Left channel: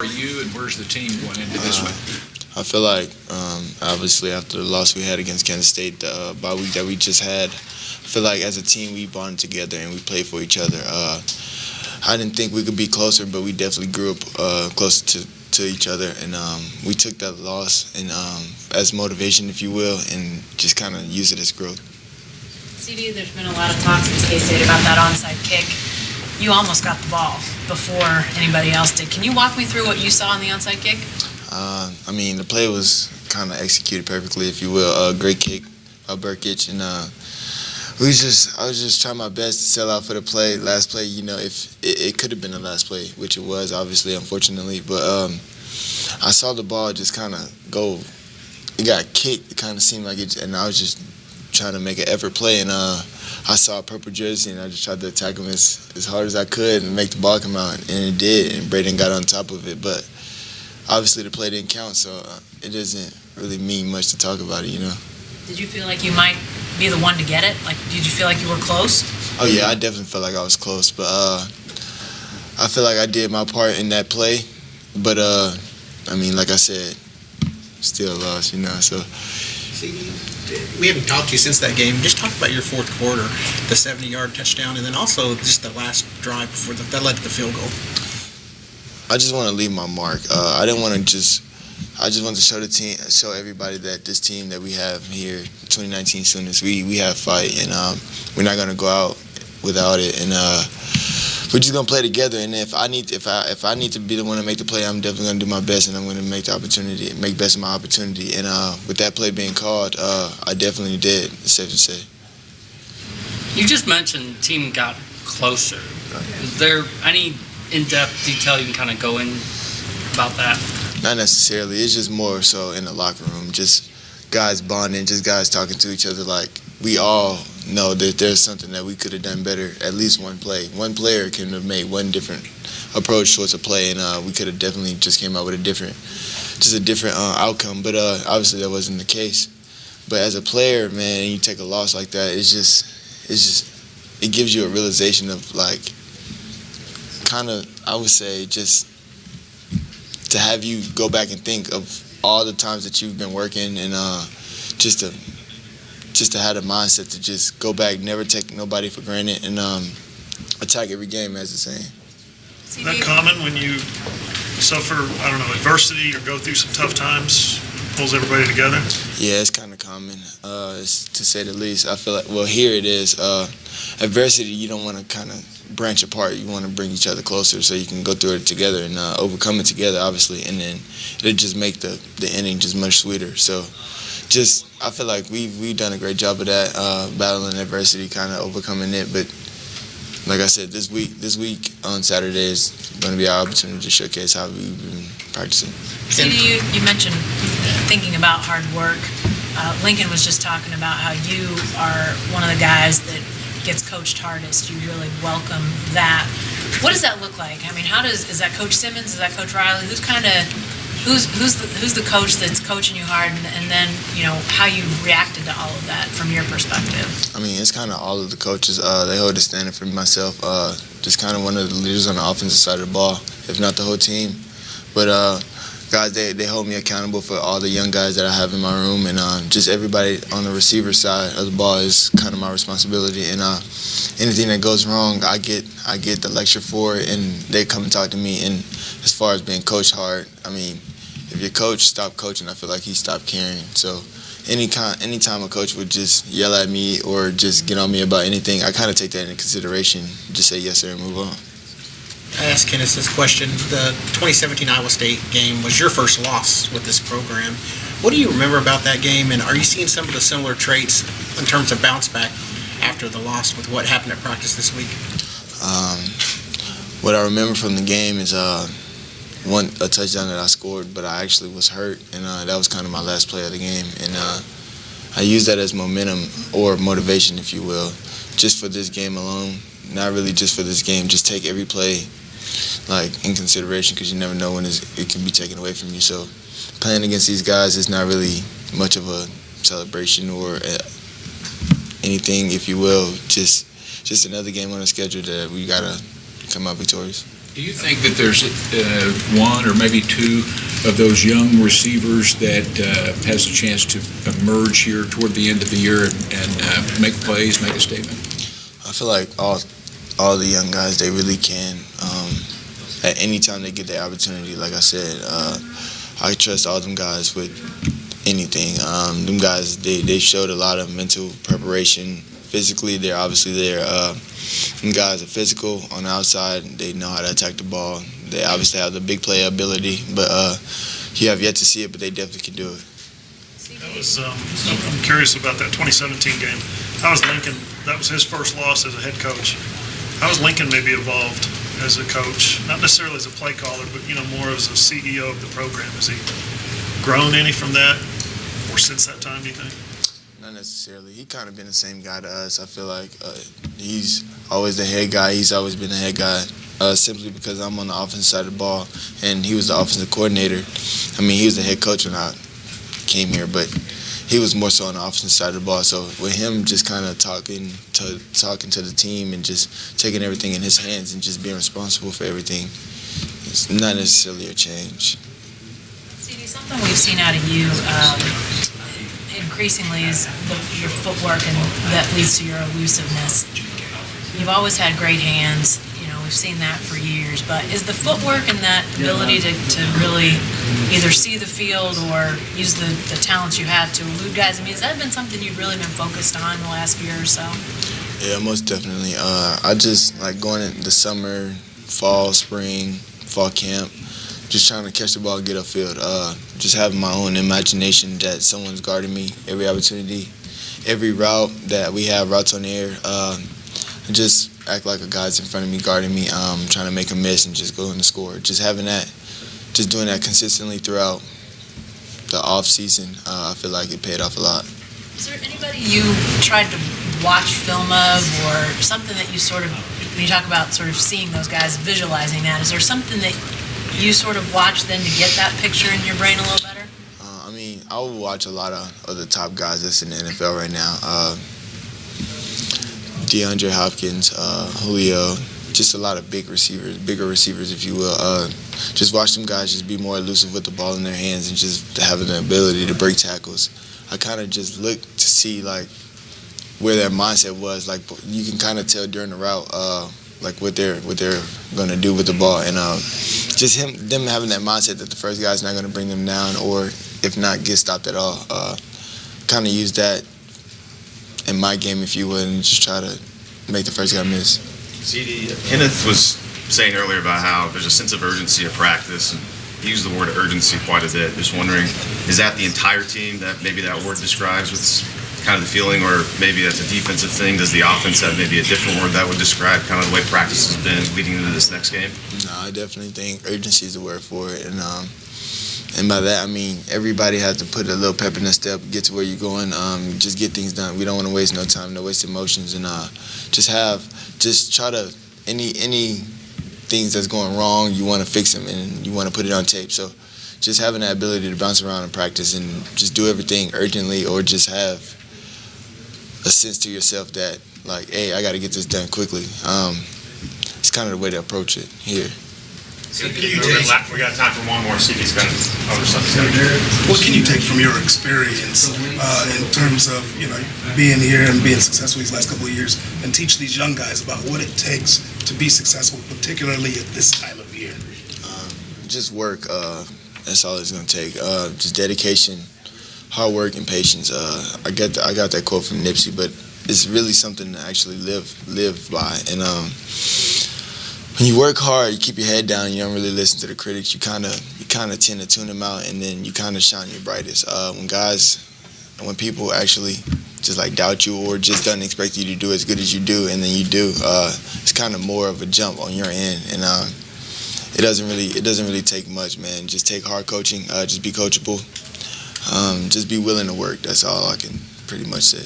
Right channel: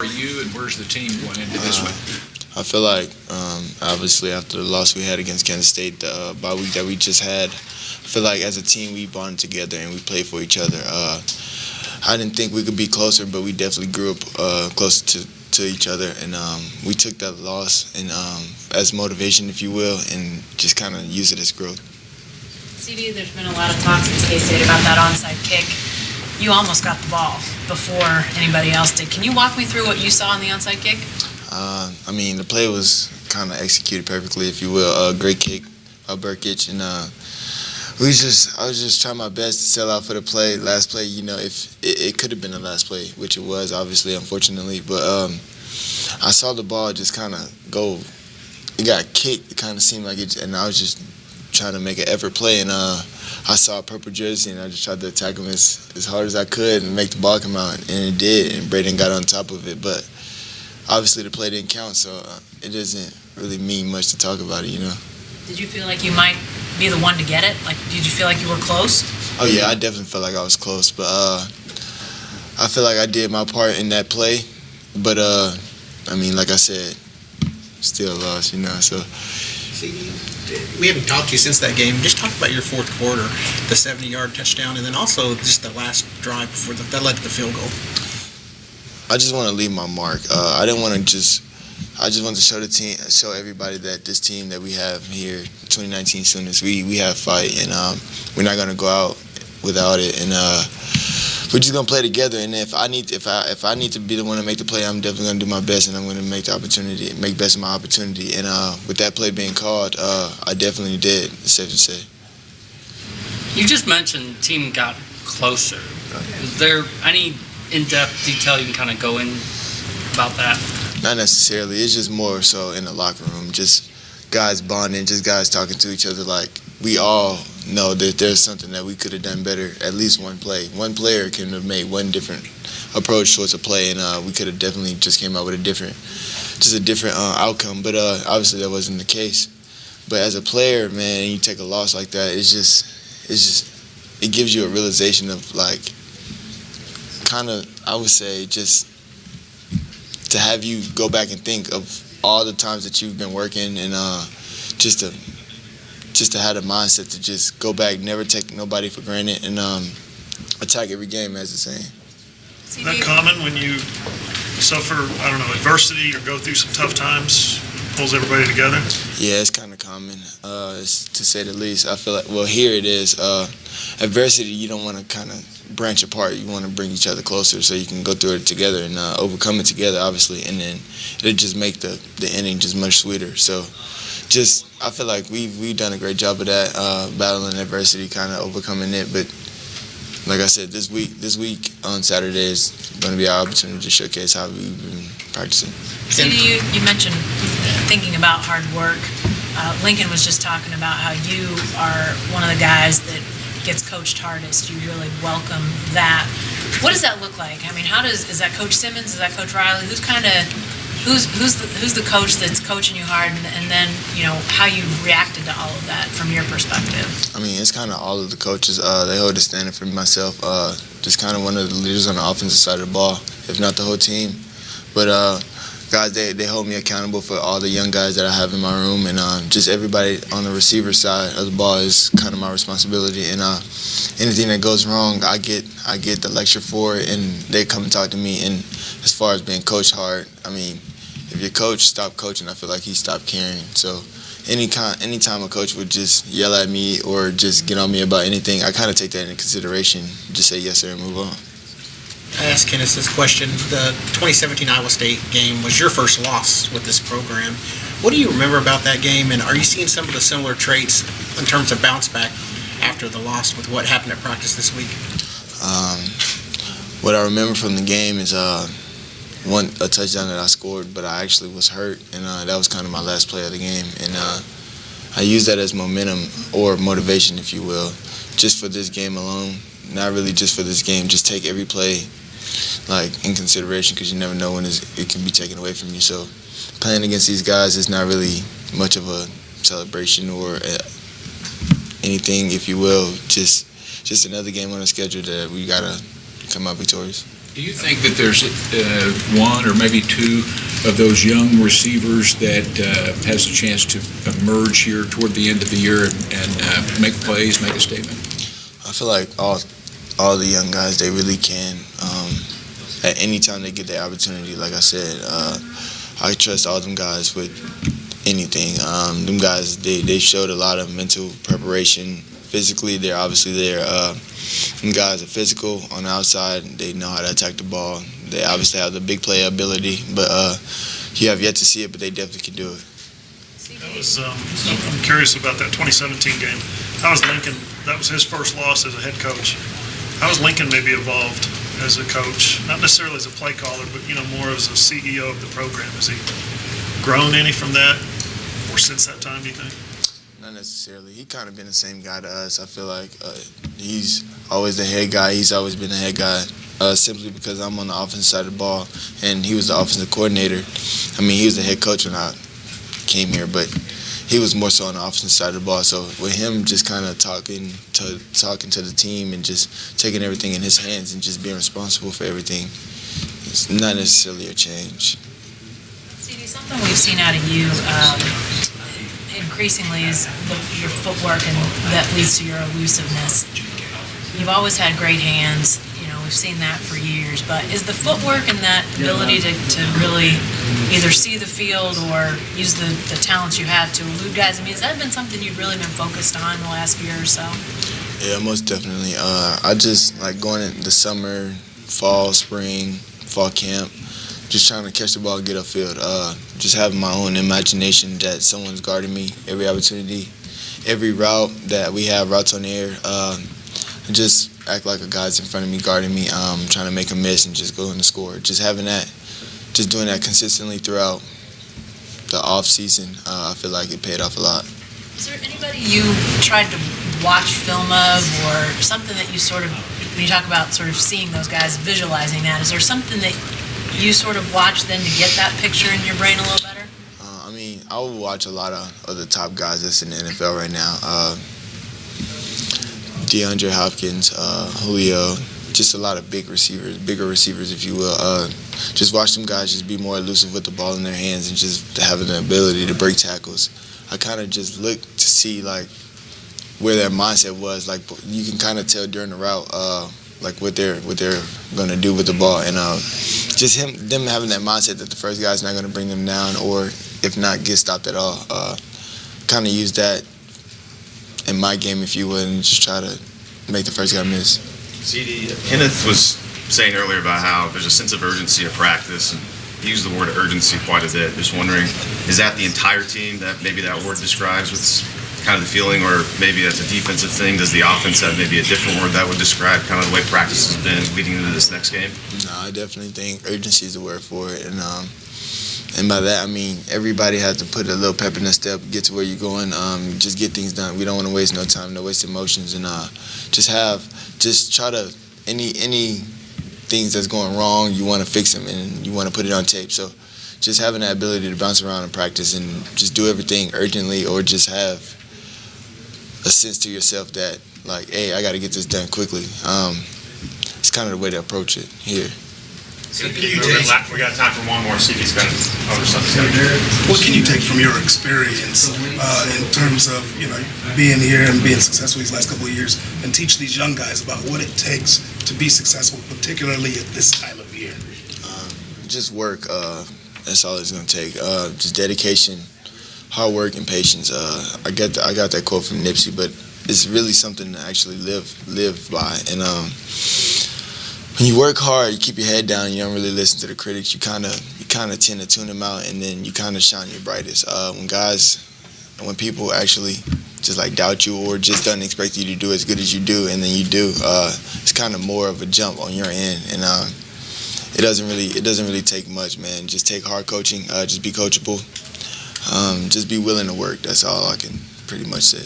are you and where's the team going into this week? I feel like, obviously, after the loss we had against Kansas State, the bye week that we just had, I feel like as a team we bonded together and we played for each other. I didn't think we could be closer, but we definitely grew up closer to each other, and we took that loss and as motivation, if you will, and just kind of use it as growth. CeeDee, there's been a lot of talks at K-State about that onside kick. You almost got the ball before anybody else did. Can you walk me through what you saw on the onside kick? I mean, the play was kind of executed perfectly, if you will. Great kick by Burkic, and I was just trying my best to sell out for the play. Last play, you know, if it could have been the last play, which it was, obviously, unfortunately. But I saw the ball just kind of go. It got kicked. It kind of seemed like it, and I was just trying to make an effort play, and I saw a purple jersey, and I just tried to attack him as hard as I could and make the ball come out, and it did, and Braden got on top of it. But obviously the play didn't count, so it doesn't really mean much to talk about it, you know. Did you feel like you might be the one to get it? Like, did you feel like you were close? Oh, yeah, I definitely felt like I was close, but I feel like I did my part in that play. But, I mean, like I said, still lost, you know, so. See, we haven't talked to you since that game. Just talk about your fourth quarter, the 70-yard touchdown, and then also just the last drive before that led to the field goal. I just want to leave my mark. I just want to show the team, show everybody that this team that we have here, 2019 Sooners, we have fight, and we're not gonna go out without it, and we're just gonna play together. And if I need to be the one to make the play, I'm definitely gonna do my best, and I'm gonna make best of my opportunity. And with that play being called, I definitely did. It's safe to say. You just mentioned the team got closer. Is there any in-depth detail you can kind of go in about that? Not necessarily. It's just more so in the locker room, just guys bonding, just guys talking to each other. Like, we all know that there's something that we could have done better. At least one play. One player can have made one different approach towards a play, and we could have definitely just came out with a different outcome. But obviously that wasn't the case. But as a player, man, you take a loss like that, it gives you a realization of, like, kind of, I would say, just to have you go back and think of all the times that you've been working, and just to have the mindset to just go back, never take nobody for granted, and attack every game, as the saying. Is that common when you suffer, I don't know, adversity or go through some tough times, pulls everybody together? Yeah, it's kind of common, to say the least. I feel like, well, here it is. Adversity, you don't want to kind of branch apart. You want to bring each other closer so you can go through it together and overcome it together, obviously, and then it'll just make the ending just much sweeter. So I feel like we've done a great job of that, battling adversity, kind of overcoming it. But like I said, this week on Saturday is going to be our opportunity to showcase how we've been practicing. CeeDee, you mentioned thinking about hard work. Lincoln was just talking about how you are one of the guys that gets coached hardest. You really welcome that. What does that look like? I mean, is that Coach Simmons? Is that Coach Riley? Who's the coach that's coaching you hard, and then, you know, how you reacted to all of that from your perspective? I mean, it's kind of all of the coaches. They hold a standard for myself. Just kind of one of the leaders on the offensive side of the ball, if not the whole team. But guys, they hold me accountable for all the young guys that I have in my room, and just everybody on the receiver side of the ball is kind of my responsibility. And anything that goes wrong, I get the lecture for it, and they come and talk to me. And as far as being coached hard, I mean, if your coach stopped coaching, I feel like he stopped caring. So anytime a coach would just yell at me or just get on me about anything, I kind of take that into consideration. Just say yes sir and move on. I asked Kenneth this question. The 2017 Iowa State game was your first loss with this program. What do you remember about that game, and are you seeing some of the similar traits in terms of bounce back after the loss with what happened at practice this week? What I remember from the game is a touchdown that I scored, but I actually was hurt, and that was kind of my last play of the game. And I used that as momentum or motivation, if you will, just for this game alone. Not really just for this game. Just take every play in consideration, because you never know when it can be taken away from you. So playing against these guys is not really much of a celebration or anything, if you will. Just another game on the schedule that we gotta come out victorious. Do you think that there's one or maybe two of those young receivers that has a chance to emerge here toward the end of the year and make plays, make a statement? I feel like all the young guys, they really can. At any time they get the opportunity, like I said, I trust all them guys with anything. Them guys, they showed a lot of mental preparation. Physically, they're obviously there. Them guys are physical on the outside. They know how to attack the ball. They obviously have the big play ability, but you have yet to see it, but they definitely can do it. I'm curious about that 2017 game. How was Lincoln? That was his first loss as a head coach. How has Lincoln maybe evolved as a coach? Not necessarily as a play caller, but more as a CEO of the program. Has he grown any from that, or since that time, do you think? Not necessarily. He kind of been the same guy to us. I feel like he's always the head guy. He's always been the head guy. Simply because I'm on the offensive side of the ball, and he was the offensive coordinator. I mean, he was the head coach when I came here, but he was more so on the offensive side of the ball. So with him just kind of talking to the team and just taking everything in his hands and just being responsible for everything, it's not necessarily a change. CeeDee, something we've seen out of you increasingly is your footwork, and that leads to your elusiveness. You've always had great hands. We've seen that for years, but is the footwork and that ability to really either see the field or use the talents you have to elude guys, has that been something you've really been focused on the last year or so? Yeah, most definitely. I just like going in the summer, fall, spring, fall camp, just trying to catch the ball, get upfield. Just having my own imagination that someone's guarding me every opportunity, every route that we have, routes on the air. Just act like a guy's in front of me, guarding me, trying to make a miss and just go in the score. Just having that, just doing that consistently throughout the off season, I feel like it paid off a lot. Is there anybody you tried to watch film of, or something that you sort of, when you talk about sort of seeing those guys, visualizing that, is there something that you sort of watch then to get that picture in your brain a little better? I will watch a lot of the top guys that's in the NFL right now. DeAndre Hopkins, Julio, just a lot of bigger receivers, if you will. Just watch them guys just be more elusive with the ball in their hands and just having the ability to break tackles. I kind of just look to see like where their mindset was. Like you can kind of tell during the route, like what they're gonna do with the ball, and just them having that mindset that the first guy's not gonna bring them down, or if not get stopped at all. Kind of use that in my game, if you would, and just try to make the first guy miss. CeeDee, Kenneth was saying earlier about how there's a sense of urgency at practice, and he used the word urgency quite a bit. Just wondering, is that the entire team that maybe that word describes with kind of the feeling, or maybe that's a defensive thing? Does the offense have maybe a different word that would describe kind of the way practice has been leading into this next game? No, I definitely think urgency is the word for it, and by that, I mean everybody has to put a little pep in their step, get to where you're going, just get things done. We don't want to waste no time, no waste emotions, and just try to, any things that's going wrong, you want to fix them and you want to put it on tape. So just having that ability to bounce around in practice and just do everything urgently, or just have a sense to yourself that, like, hey, I got to get this done quickly. It's kind of the way to approach it here. We got time for one more. CeeDee's got other stuff he's got to do. What can you take from your experience in terms of being here and being successful these last couple of years, and teach these young guys about what it takes to be successful, particularly at this time of year? Just work. That's all it's gonna take. Just dedication, hard work, and patience. I got that quote from Nipsey, but it's really something to actually live by. And when you work hard, you keep your head down, you don't really listen to the critics, you kind of tend to tune them out, and then you kind of shine your brightest. When people actually just like doubt you or just don't expect you to do as good as you do, and then you do, it's kind of more of a jump on your end, and it doesn't really take much, man. Just take hard coaching, just be coachable, just be willing to work. That's all I can pretty much say.